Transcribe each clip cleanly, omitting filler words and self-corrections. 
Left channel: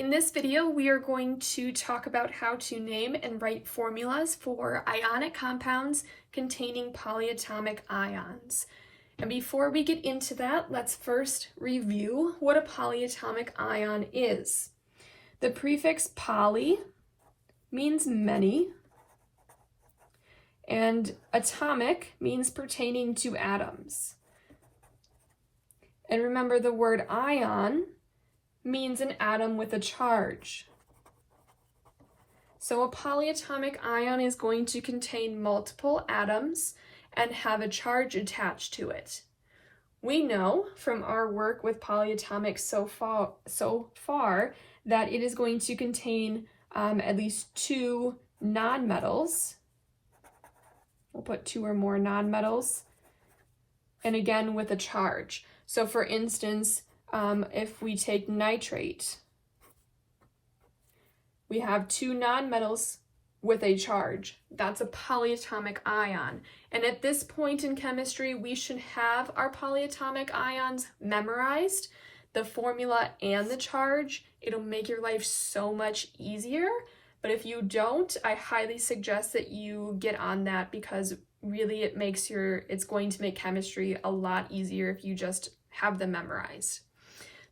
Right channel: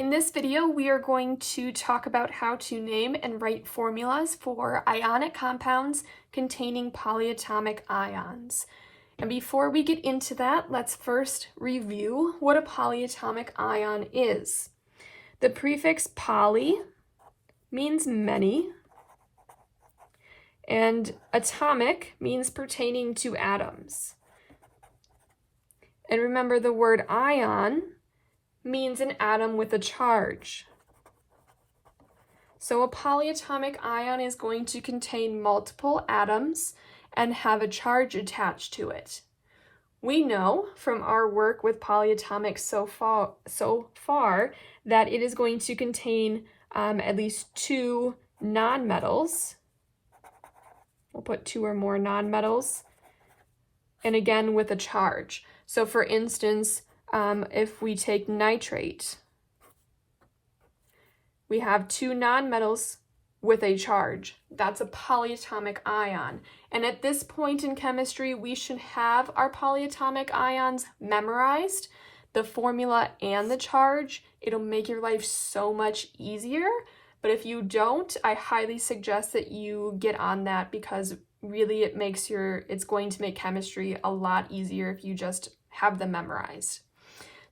In this video, we are going to talk about how to name and write formulas for ionic compounds containing polyatomic ions. And before we get into that, let's first review what a polyatomic ion is. The prefix poly means many, and atomic means pertaining to atoms. And remember, the word ion means an atom with a charge. So a polyatomic ion is going to contain multiple atoms and have a charge attached to it. We know from our work with polyatomics so far that it is going to contain at least two nonmetals. We'll put two or more nonmetals, and again with a charge. So for instance, if we take nitrate, we have two nonmetals with a charge. That's a polyatomic ion. And at this point in chemistry, we should have our polyatomic ions memorized, the formula and the charge. It'll make your life so much easier. But if you don't, I highly suggest that you get on that, because really it's going to make chemistry a lot easier if you just have them memorized.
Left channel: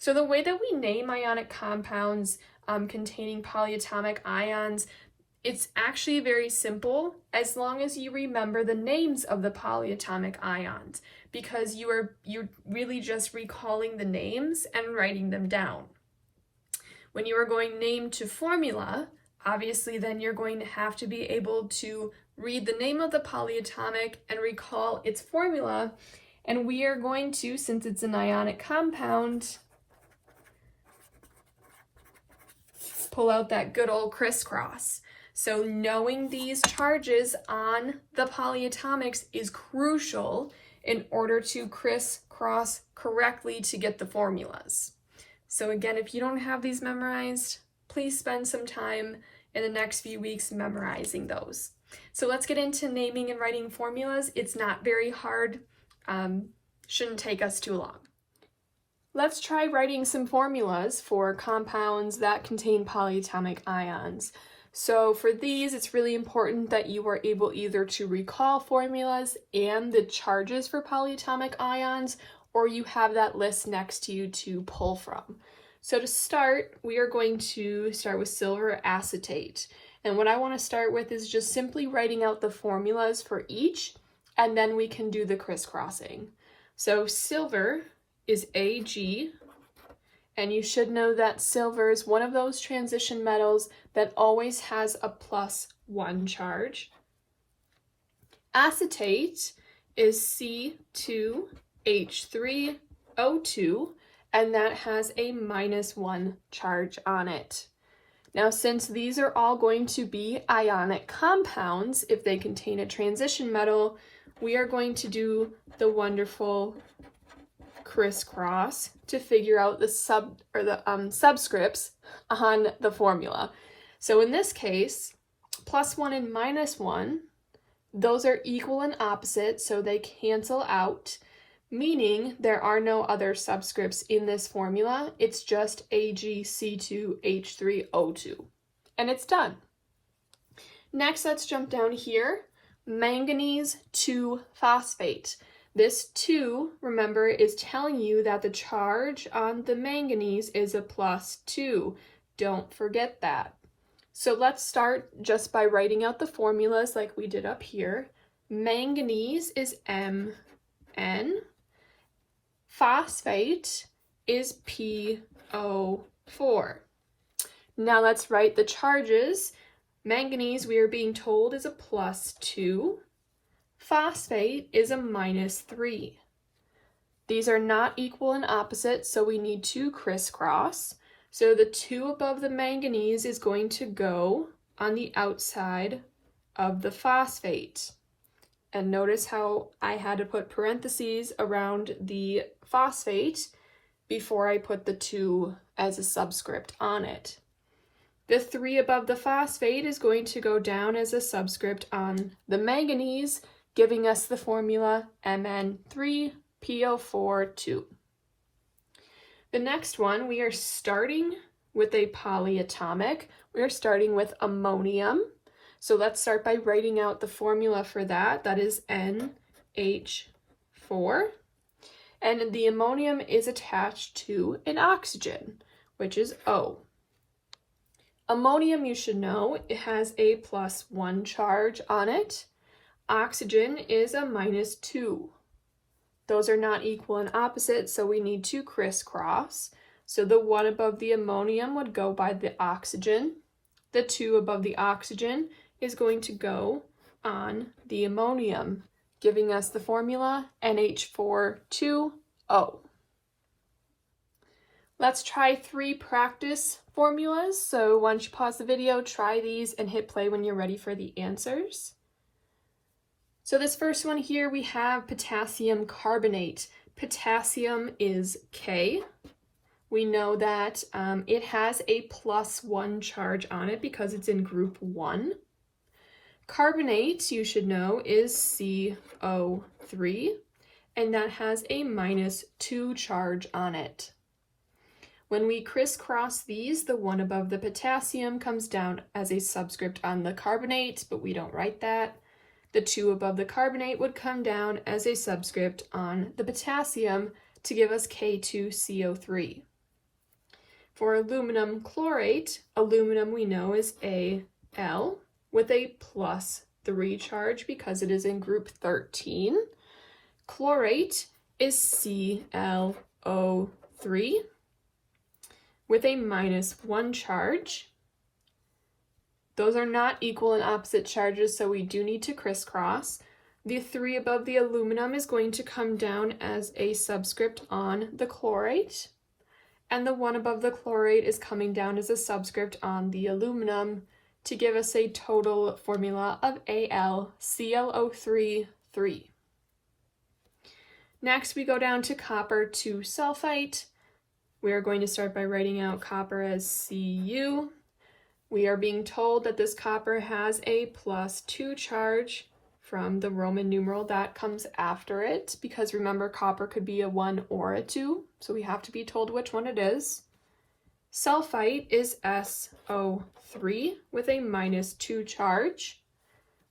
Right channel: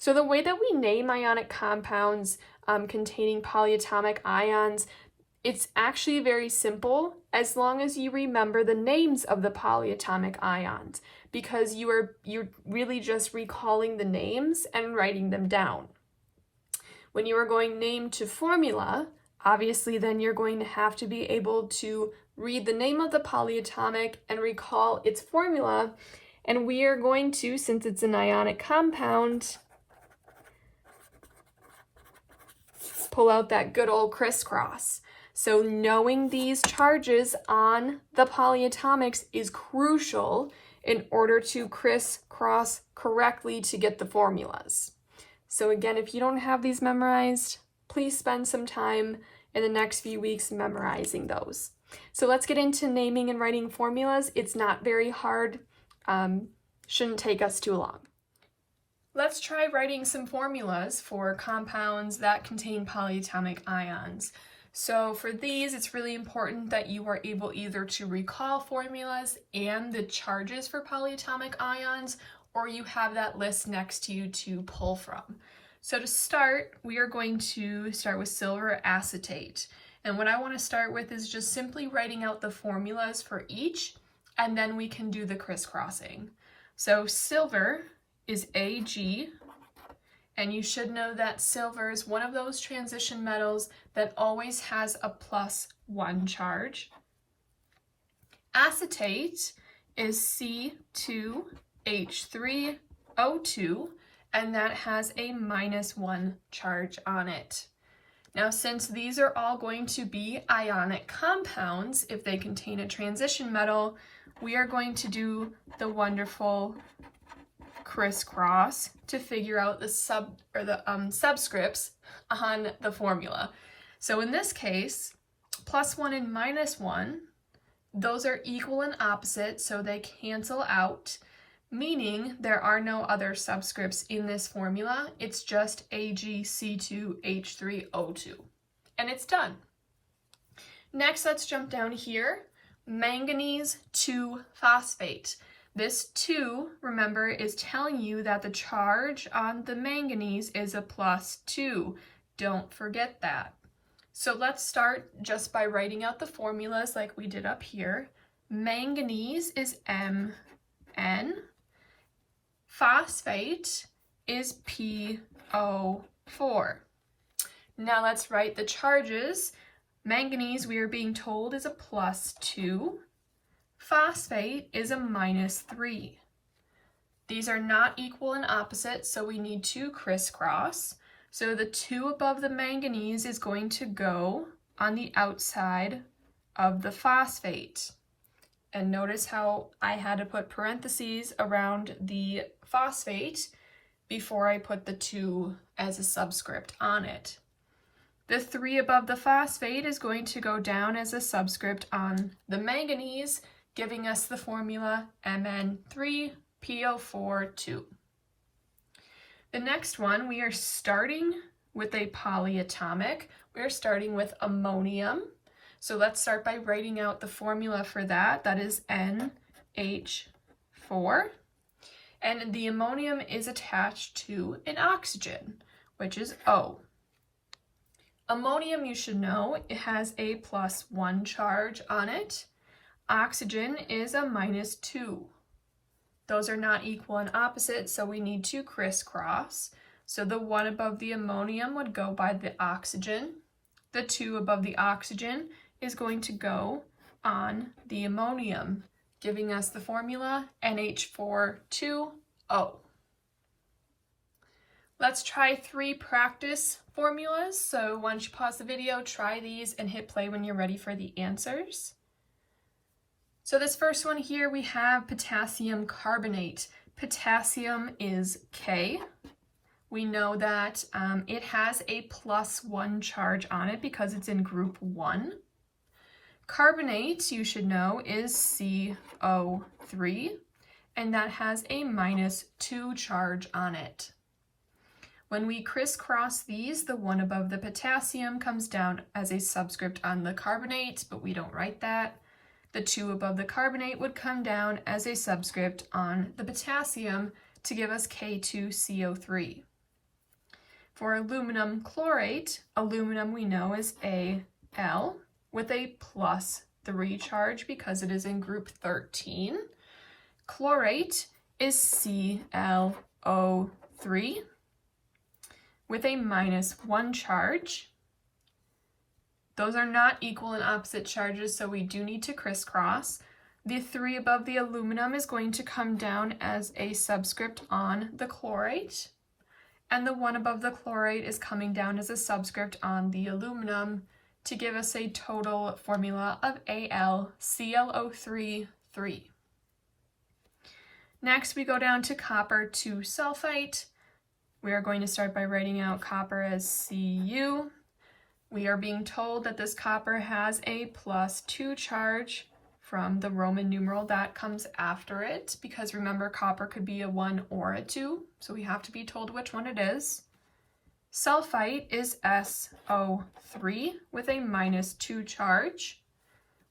So the way that we name ionic compounds containing polyatomic ions, it's actually very simple as long as you remember the names of the polyatomic ions, because you're really just recalling the names and writing them down. When you are going name to formula, obviously then you're going to have to be able to read the name of the polyatomic and recall its formula. And we are going to, since it's an ionic compound, pull out that good old crisscross. So knowing these charges on the polyatomics is crucial in order to crisscross correctly to get the formulas. So again, if you don't have these memorized, please spend some time in the next few weeks memorizing those. So let's get into naming and writing formulas. It's not very hard. Shouldn't take us too long. Let's try writing some formulas for compounds that contain polyatomic ions. So for these, it's really important that you are able either to recall formulas and the charges for polyatomic ions, or you have that list next to you to pull from. So to start, we are going to start with silver acetate. And what I want to start with is just simply writing out the formulas for each, and then we can do the crisscrossing. So silver is Ag, and you should know that silver is one of those transition metals that always has a +1 charge. Acetate is C2H3O2, and that has a -1 charge on it. Now, since these are all going to be ionic compounds, if they contain a transition metal, we are going to do the wonderful crisscross to figure out the subscripts on the formula. So in this case, +1 and -1, those are equal and opposite, so they cancel out, meaning there are no other subscripts in this formula. It's just AgC2H3O2, and it's done. Next, let's jump down here. Manganese 2-phosphate. This 2, remember, is telling you that the charge on the manganese is a +2. Don't forget that. So let's start just by writing out the formulas like we did up here. Manganese is Mn. Phosphate is PO4. Now let's write the charges. Manganese, we are being told, is a +2. Phosphate is a -3. These are not equal and opposite, so we need to crisscross. So the 2 above the manganese is going to go on the outside of the phosphate. And notice how I had to put parentheses around the phosphate before I put the 2 as a subscript on it. The 3 above the phosphate is going to go down as a subscript on the manganese, giving us the formula Mn3PO4 2. The next one, we are starting with a polyatomic. We're starting with ammonium. So let's start by writing out the formula for that. That is NH4. And the ammonium is attached to an oxygen, which is O. Ammonium, you should know, it has a +1 charge on it. Oxygen is a -2. Those are not equal and opposite, so we need to crisscross. So the 1 above the ammonium would go by the oxygen. The 2 above the oxygen is going to go on the ammonium, giving us the formula NH4,2O. Let's try 3 practice formulas. So once you pause the video, try these and hit play when you're ready for the answers. So this first one here, we have potassium carbonate. Potassium is K. We know that it has a +1 charge on it because it's in group 1. Carbonate, you should know, is CO3, and that has a -2 charge on it. When we crisscross these, the 1 above the potassium comes down as a subscript on the carbonate, but we don't write that. The 2 above the carbonate would come down as a subscript on the potassium to give us K2CO3. For aluminum chlorate, aluminum we know is Al with a +3 charge because it is in group 13. Chlorate is ClO3 with a -1 charge. Those are not equal and opposite charges, so we do need to crisscross. The 3 above the aluminum is going to come down as a subscript on the chlorate, and the 1 above the chlorate is coming down as a subscript on the aluminum to give us a total formula of AlClO3, 3. Next, we go down to copper 2 sulfite. We are going to start by writing out copper as Cu. We are being told that this copper has a +2 charge from the Roman numeral that comes after it, because remember, copper could be a 1 or a 2, so we have to be told which one it is. Sulfite is SO3 with a -2 charge.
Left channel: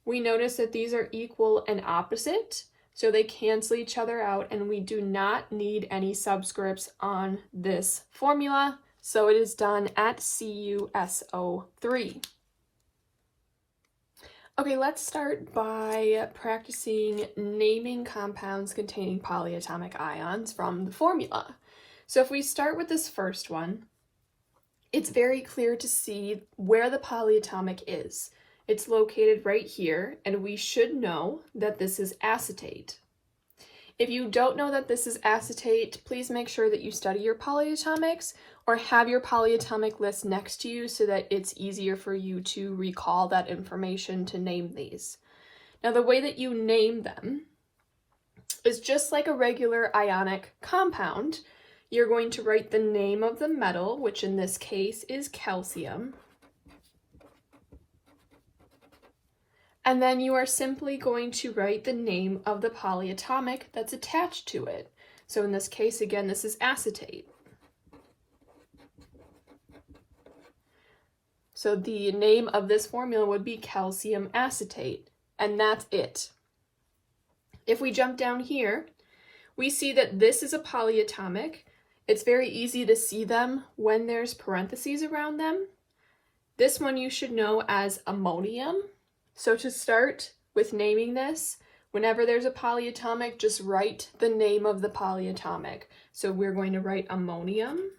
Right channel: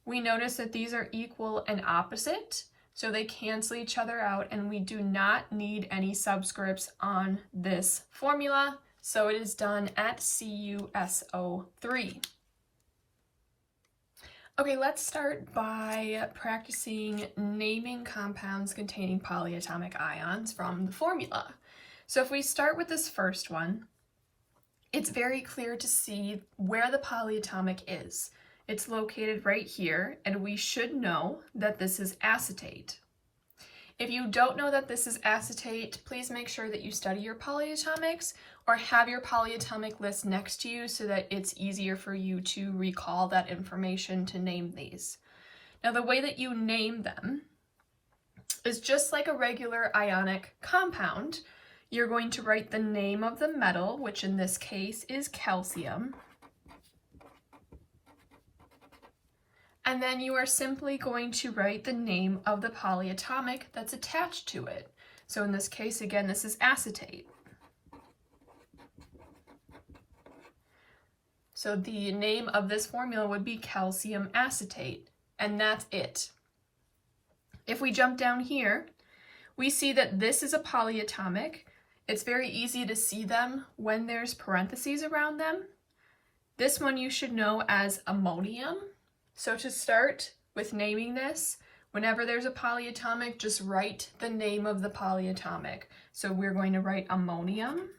We notice that these are equal and opposite, so they cancel each other out, and we do not need any subscripts on this formula, so it is done at CuSO3. Okay, let's start by practicing naming compounds containing polyatomic ions from the formula. So if we start with this first one, it's very clear to see where the polyatomic is. It's located right here, and we should know that this is acetate. If you don't know that this is acetate, please make sure that you study your polyatomics or have your polyatomic list next to you so that it's easier for you to recall that information to name these. Now, the way that you name them is just like a regular ionic compound. You're going to write the name of the metal, which in this case is calcium. And then you are simply going to write the name of the polyatomic that's attached to it. So in this case, again, this is acetate. So the name of this formula would be calcium acetate, and that's it. If we jump down here, we see that this is a polyatomic. It's very easy to see them when there's parentheses around them. This one you should know as ammonium. So to start with naming this, whenever there's a polyatomic, just write the name of the polyatomic. So we're going to write ammonium.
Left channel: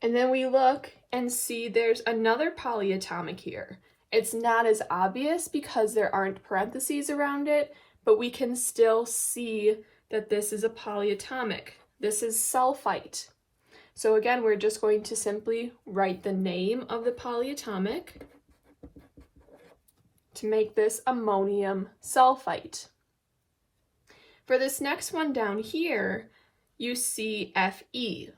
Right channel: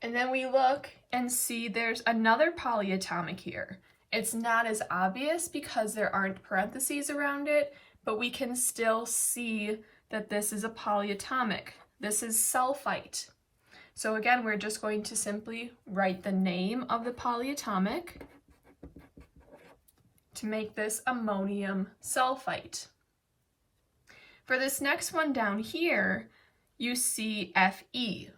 And then we look and see there's another polyatomic here. It's not as obvious because there aren't parentheses around it, but we can still see that this is a polyatomic. This is sulfite. So again, we're just going to simply write the name of the polyatomic to make this ammonium sulfite. For this next one down here, you see Fe.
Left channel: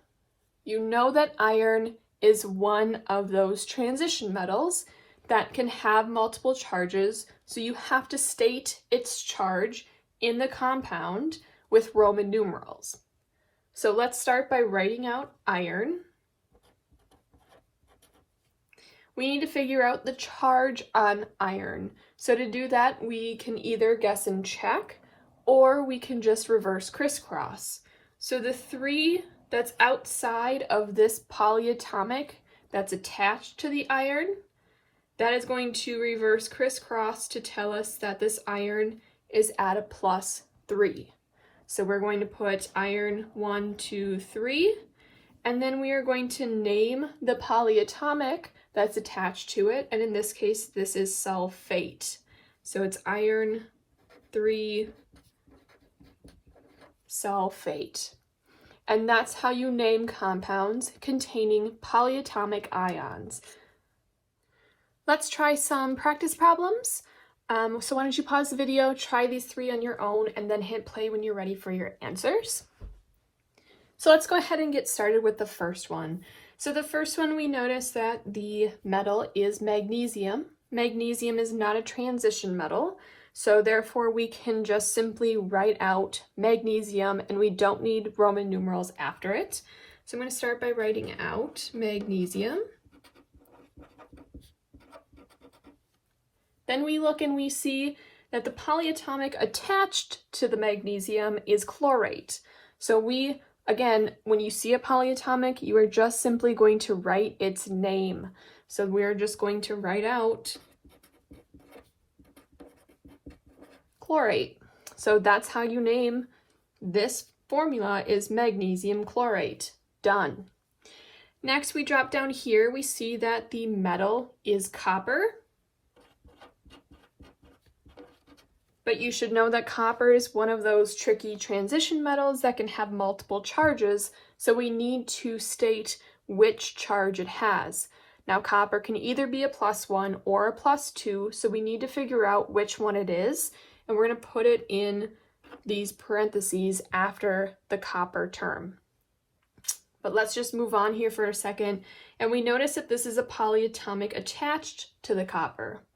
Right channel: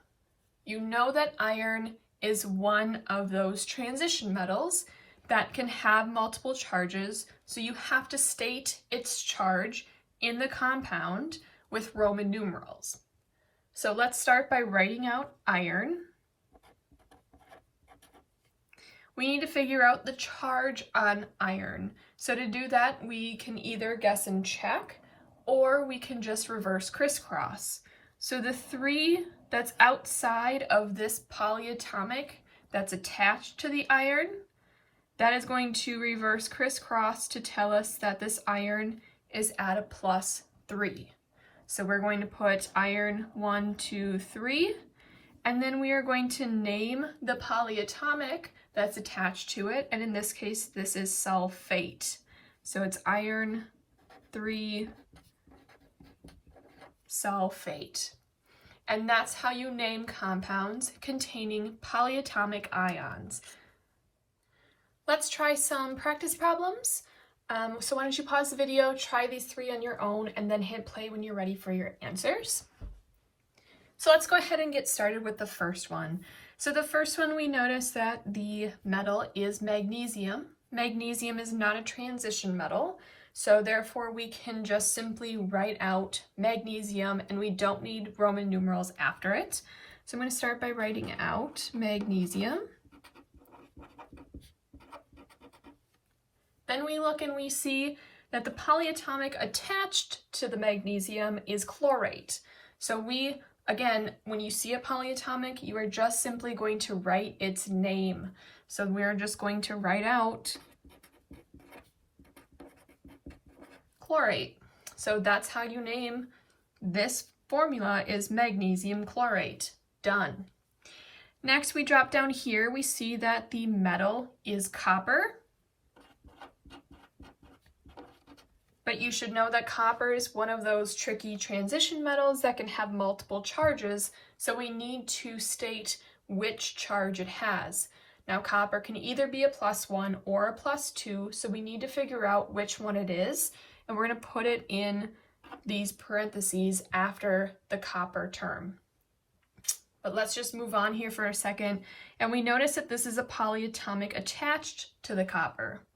You know that iron is one of those transition metals that can have multiple charges, so you have to state its charge in the compound with Roman numerals. So let's start by writing out iron. We need to figure out the charge on iron. So to do that, we can either guess and check, or we can just reverse crisscross. So the 3 that's outside of this polyatomic that's attached to the iron, that is going to reverse crisscross to tell us that this iron is at a +3. So we're going to put iron 1, 2, 3, and then we are going to name the polyatomic that's attached to it, and in this case, this is sulfate. So it's iron 3 sulfate. And that's how you name compounds containing polyatomic ions. Let's try some practice problems. So why don't you pause the video, try these 3 on your own, and then hit play when you're ready for your answers. So let's go ahead and get started with the first one. So the first one, we notice that the metal is magnesium. Magnesium is not a transition metal, so therefore we can just simply write out magnesium, and we don't need Roman numerals after it. So I'm going to start by writing out magnesium. Then we look and we see that the polyatomic attached to the magnesium is chlorate. So we, again, when you see a polyatomic, you are just simply going to write its name. So we're just going to write out chlorate. So that's how you name this formula, is magnesium chlorate. Done. Next, we drop down here, we see that the metal is copper. But you should know that copper is one of those tricky transition metals that can have multiple charges, so we need to state which charge it has. Now, copper can either be a +1 or a +2, so we need to figure out which one it is, and we're going to put it in these parentheses after the copper term. But let's just move on here for a second, and we notice that this is a polyatomic attached to the copper.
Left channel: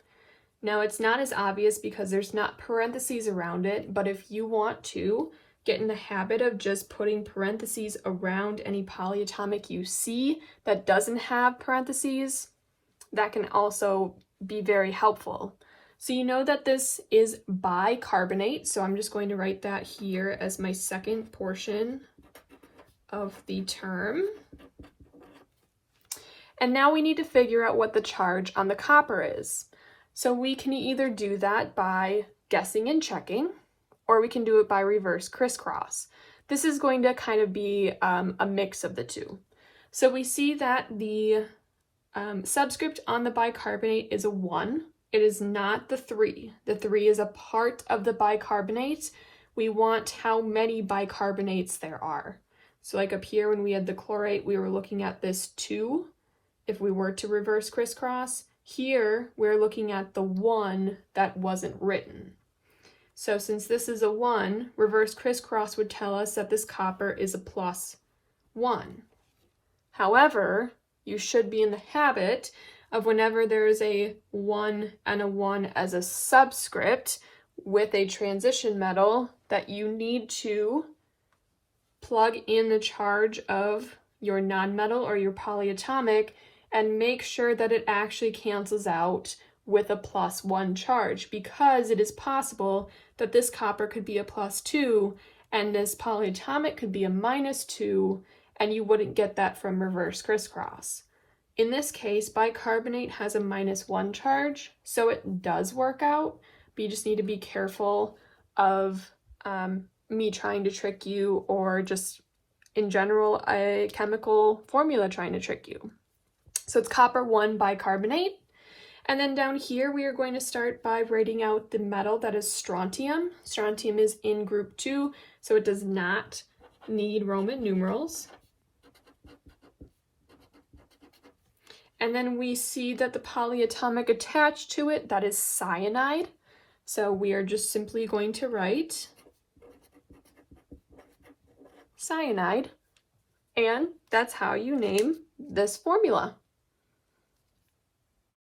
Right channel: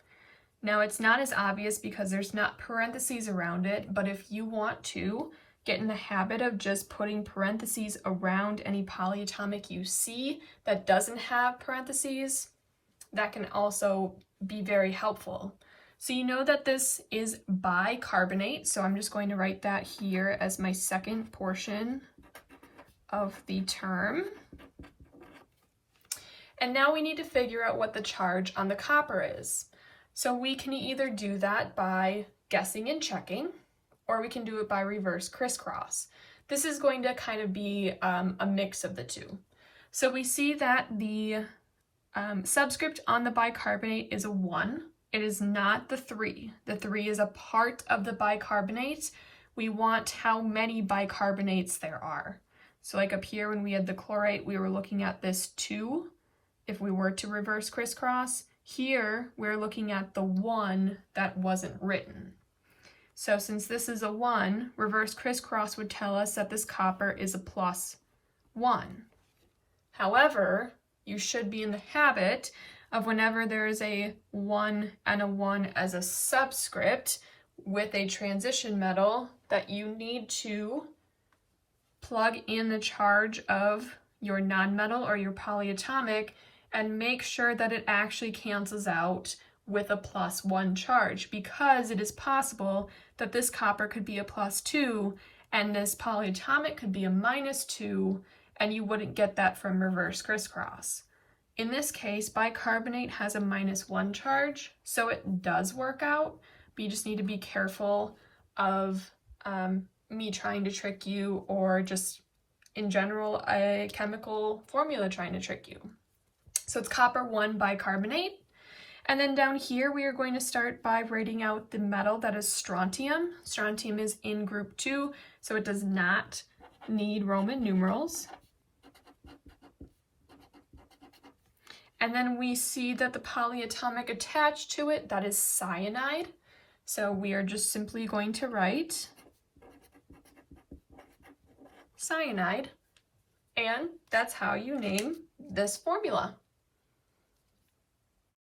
Now, it's not as obvious because there's not parentheses around it, but if you want to get in the habit of just putting parentheses around any polyatomic you see that doesn't have parentheses, that can also be very helpful. So you know that this is bicarbonate, so I'm just going to write that here as my second portion of the term. And now we need to figure out what the charge on the copper is. So we can either do that by guessing and checking, or we can do it by reverse crisscross. This is going to kind of be a mix of the two. So we see that the subscript on the bicarbonate is a 1. It is not the 3. The 3 is a part of the bicarbonate. We want how many bicarbonates there are. So like up here when we had the chlorate, we were looking at this 2. If we were to reverse crisscross, here we're looking at the 1 that wasn't written. So since this is a 1, reverse crisscross would tell us that this copper is a +1. However, you should be in the habit of whenever there's a 1 and a 1 as a subscript with a transition metal, that you need to plug in the charge of your nonmetal or your polyatomic and make sure that it actually cancels out with a +1 charge, because it is possible that this copper could be a +2 and this polyatomic could be a -2, and you wouldn't get that from reverse crisscross. In this case, bicarbonate has a -1 charge, so it does work out, but you just need to be careful of me trying to trick you, or just in general a chemical formula trying to trick you. So it's copper 1 bicarbonate. And then down here, we are going to start by writing out the metal that is strontium. Strontium is in group 2, so it does not need Roman numerals. And then we see that the polyatomic attached to it, that is cyanide. So we are just simply going to write cyanide, and that's how you name this formula.